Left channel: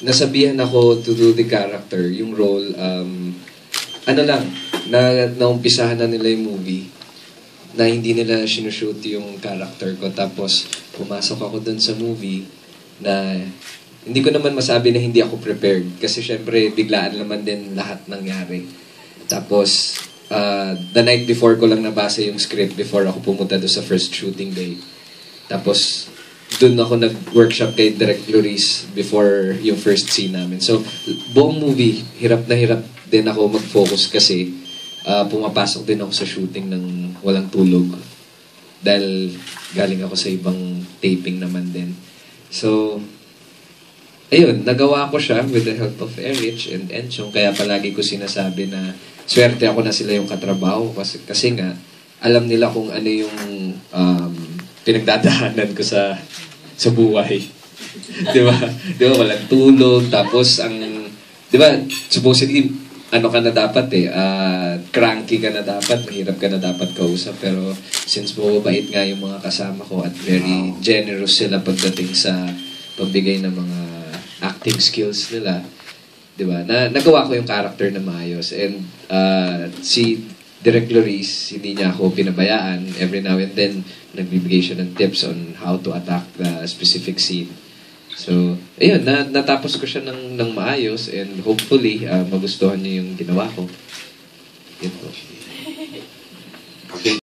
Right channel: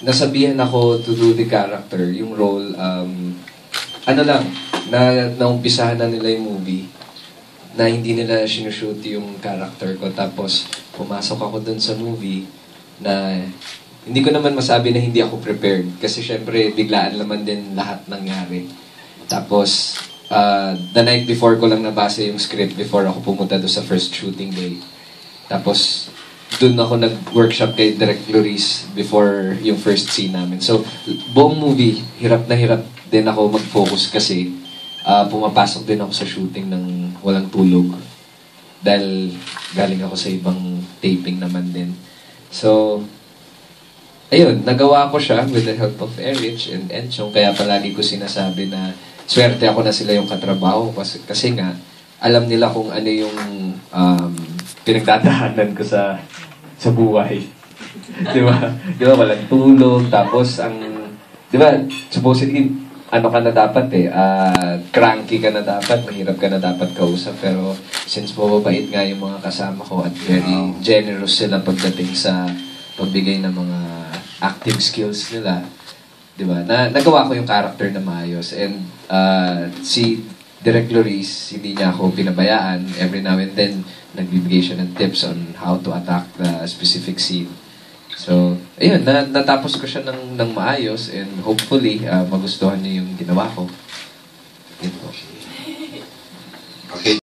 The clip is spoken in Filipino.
nasabihan ako to do the character, yung role, ano lang, naumpisahan na nila yung movie, na hindi nila sinushoot yung character ko. Tapos, pumasok ako dun sa movie na hindi ko naman masabi na hindi ako prepared. Kasi syempre, biglaan naman din lahat nangyari. Tapos, the night before ko lang nabasa yung script before ako pumunta doon sa first shooting day. Tapos, doon ako nag-workshop kay Direk Loris before yung first scene namin. So, buong movie, hirap na hirap din ako mag-focus kasi pumapasok din ako sa shooting ng walang tulog. Dahil galing ako sa ibang taping naman din. So, ayun, nagawa ko siya with the help of Erich and Enchong. Kaya palagi ko sinasabi na swerte ako na sila yung katrabaho kasi nga, alam nila kung ano yung pinagdadaanan ko sa buhay. Di ba? Di ba? Walang tulog. Tapos, di ba, supposedly, ano ka na dapat cranky ka na dapat, mahirap ka na dapat kausap. Pero, since mababait nga yung mga kasama ko at very generous sila pagdating sa pagbigay ng mga acting skills nila, di ba? Nagawa ko yung character na maayos. And si Direk Loris, hindi niya ako pinabayaan. Every now and then, nagbibigay siya ng tips on how to attack the specific scene. So, ayun, natapos ko siya ng maayos and hopefully, magustuhan niyo yung ginawa ko. Yun po.